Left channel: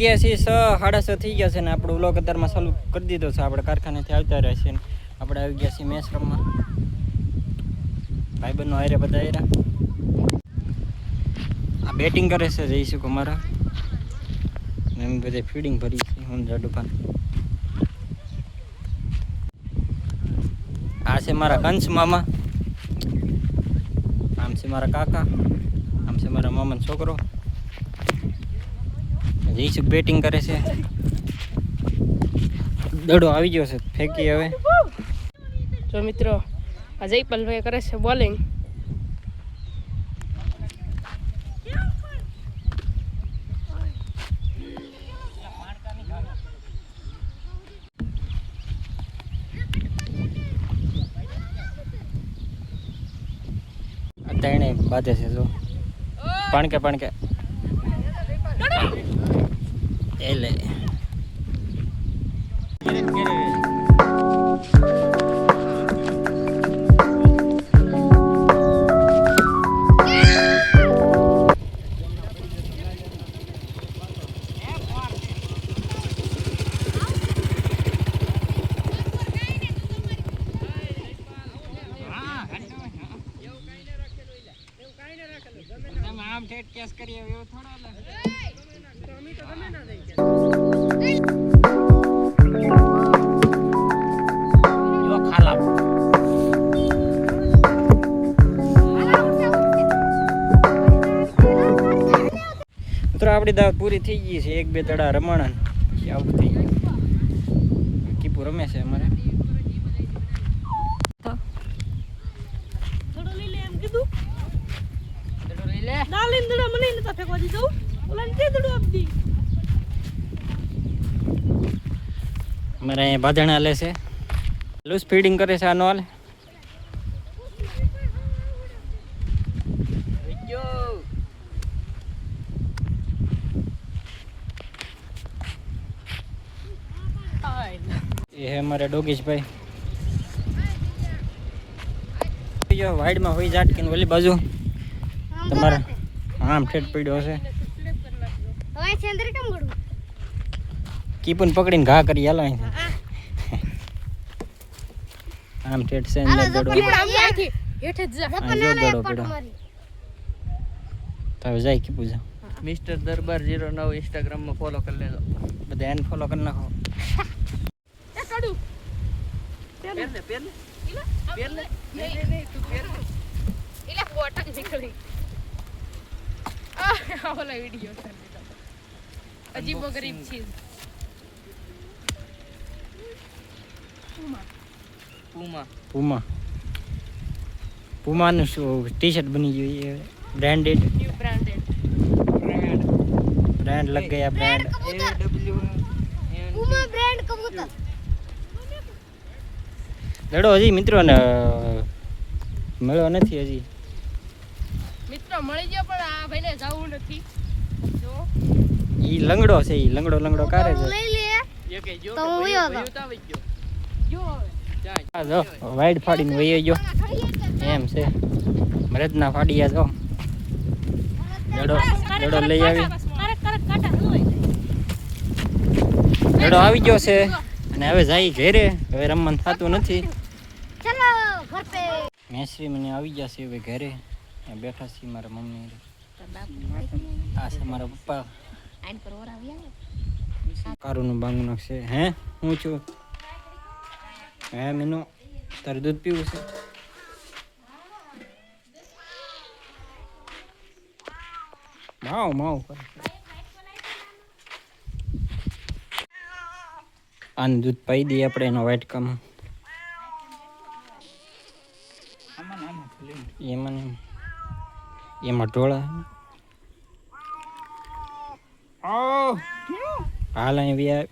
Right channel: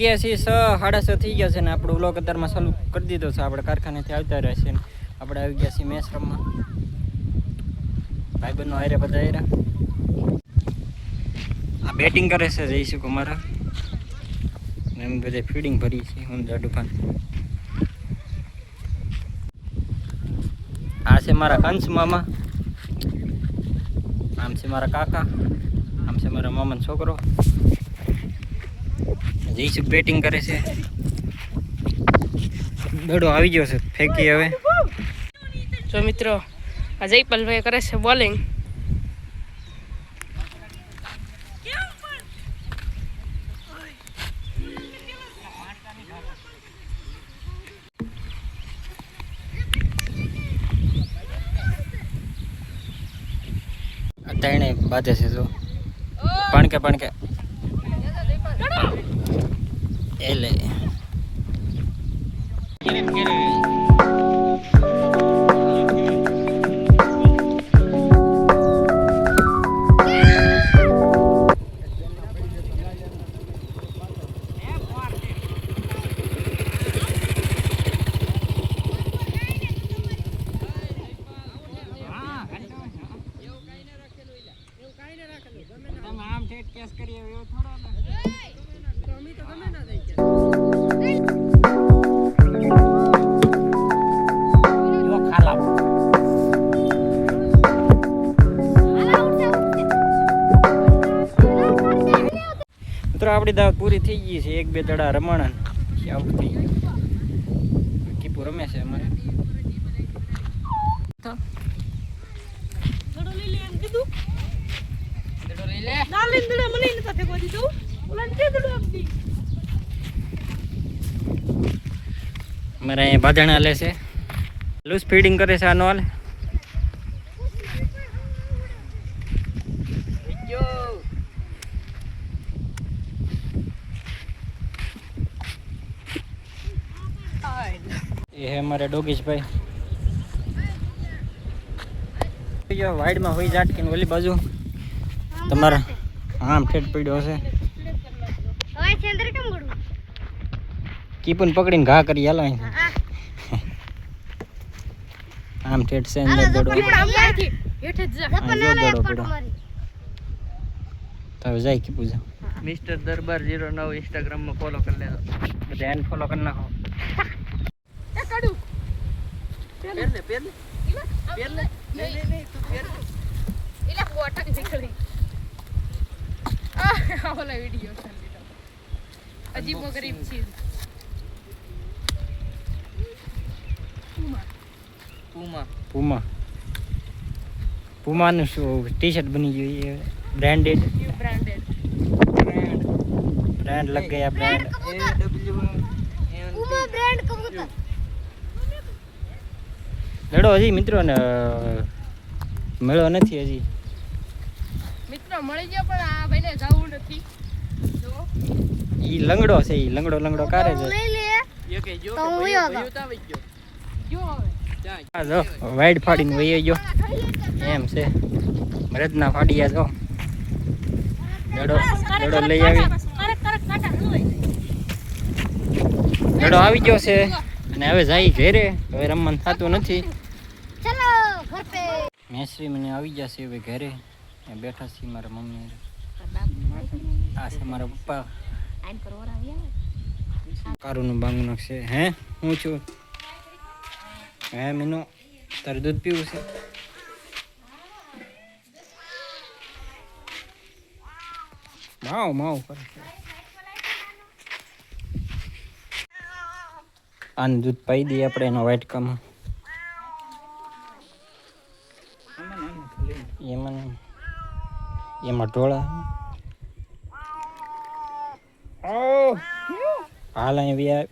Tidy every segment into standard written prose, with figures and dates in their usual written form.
ગયા છીએ 6:30 થઈ ગયા છે ને આપણો વ્લોગ અત્યારમાં ચાલુ કરી દીધો છે. આપણે કારખાનેથી આવતા રહ્યા છીએ ને આપણે આવી ગયા છીએ મેસરમમાં. ભાઈબંધનો હારે બધા હારે આ બેટિંગ કરે છે જઈશું અમારા એમ બધે ફીડિંગ ભરી છે. હું જાડુભાન આ છે મારા કંસ મામા, આમ છે મારા કાકા, આમ છે મારા મામાનો છોકરો. જઈશું બેટિંગ કરે છે. દડો આવી ગયો છે, ફેંકી હવે. જો મિત્રો આ જયપાલભાઈ કરે છે બોલિંગ. ત્રણે બાજે છે જો પાણકે એ લે આમ ઠેઠ કેસ કરીએ એવો થોડો મિત્રો આપણી દાવત પૂરી થઈ ગઈ છે. 1-2 દડા રમાણા આઉટ થઈ ગયું. કીપુ રમે છે અમારે. અમારે અહીંયા બાંધણા લે છે, લૂઝ ફીડિંગ કરે છે. આનો હાલ એ હે અમારે ડોગીસ ભાઈ. વાઈડમાં હોય ઝાટકીને ઓલી બાજુ તમારા આમ ઠેઠ પડ્યો હશે. કીપન પકડીને ઘા કરી હાલો આમ ઠેઠ છે અંદર દડો. જો દડો પડ્યો તો જાય કીપુ જા. મિસ્ટર દરબાર 09 ઇન્સ્ટાગ્રામમાં ફોલો કરી લેજો બધા. એને ફોલો કરી નાખો. પુમાનું શું ટી શર્ટ બની ગયું. બ્રાન્ડેડ બ્રાન્ડ લગ ગયા. બ્રાન્ડ લડો હજી મિત્રો ને મેળો નથી હજી. મિત્રો મળી ગયો પણ આ ભાઈને જવું નથી. ઈ લંગડો છે, ઈ લંગડો કારે છે. જો વાઈડ ફાડીને વહી ગયો એમ છે. મરદના ફાડિયા જો દડો લઈ આવી. દડો આવી ગયો છે અને હવે જાય ઘેરે. હવે રમવાનું થતું નથી. મેસરી મને આવી જશે હવે ઘરે. બેઠા છીએ મારા મમ્મી. આ છે મારા પપ્પા. કારુનું બાંગુ નાખશે. હે હું છું. હે મીનુ તારે દૂધ પીવું છે. માવ કરે. આનું દૂધ પાઈ દઈએ આપણે એનો વાટકામાં. એમાં ઢોળા હાલ અહીંયા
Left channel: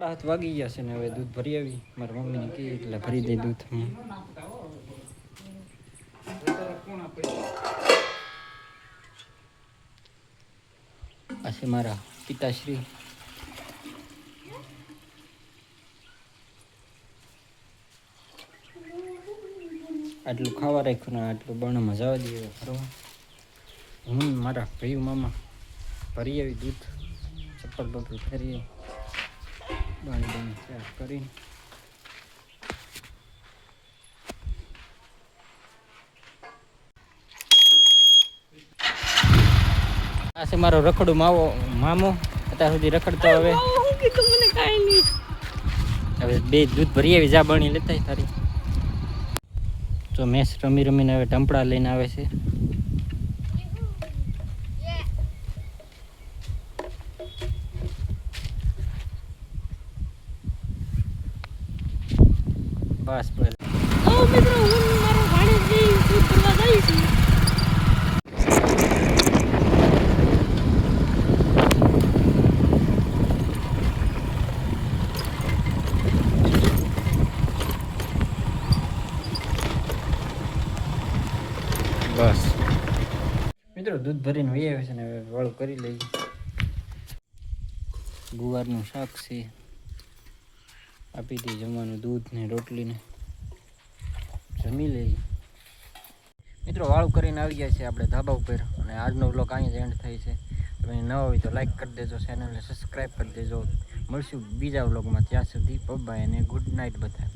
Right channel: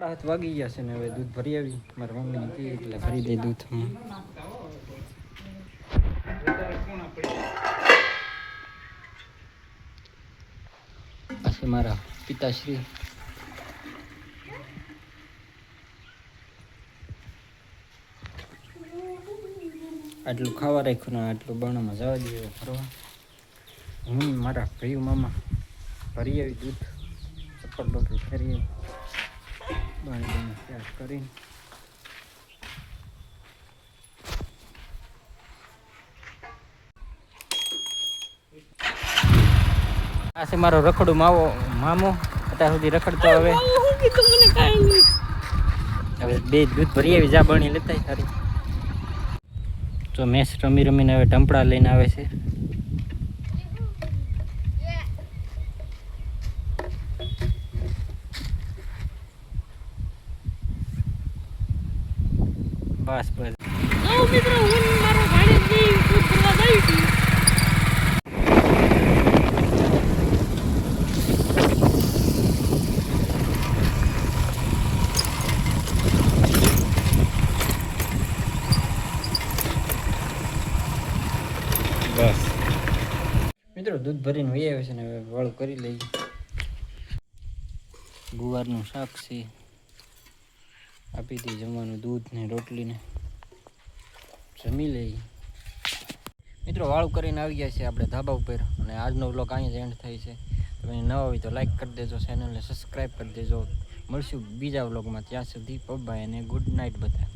હાથ વાગી ગયા છે ને હવે દૂધ ભરી આવી. મારા મમ્મીને કહે એટલે ભરી દે દૂધ. આ છે મારા પિતાશ્રી. આટલું ખાવા રાખ્યું ને આટલું બાણુંમાં જવા દઈએ હવે ફરવા. હું ને મારા ભાઈ મામા ભરી આવી દૂધ, ચપ્પલ બપ્પલ ફેરી બાણી બાણી સાફ કરીને. આ છે મારો રખડું મામો. અત્યાર સુધી રખડતો હવે બે દૂધ ભરી આવી જા બની લેતા તારી. તો મેચ રમી રમીને હવે ટંપડા લઈને આવે છે. બસ બસ બસ મિત્રો દૂધ ભરીને વહી આવે છે ને હવે વાળું કરી લઈએ. ગુવારનું શાક છે, આપી દઈએ જમવાનું દૂધ ને રોટલીને, જમી લઈએ. મિત્રો વાળું કરીને આવી ગયા છે આપણે ધાબા ઉપર અને આજનો વ્લોગ અહીંયા જ એન્ડ થાય છે. તમે નવા હોય તો લાઈક કરી દેજો, ચેનલને સબસ્ક્રાઈબ કરી દેજો. મળશું બીજા વ્લોગમાં, ત્યાં સુધી બાય અને ગુડ નાઇટ બધા.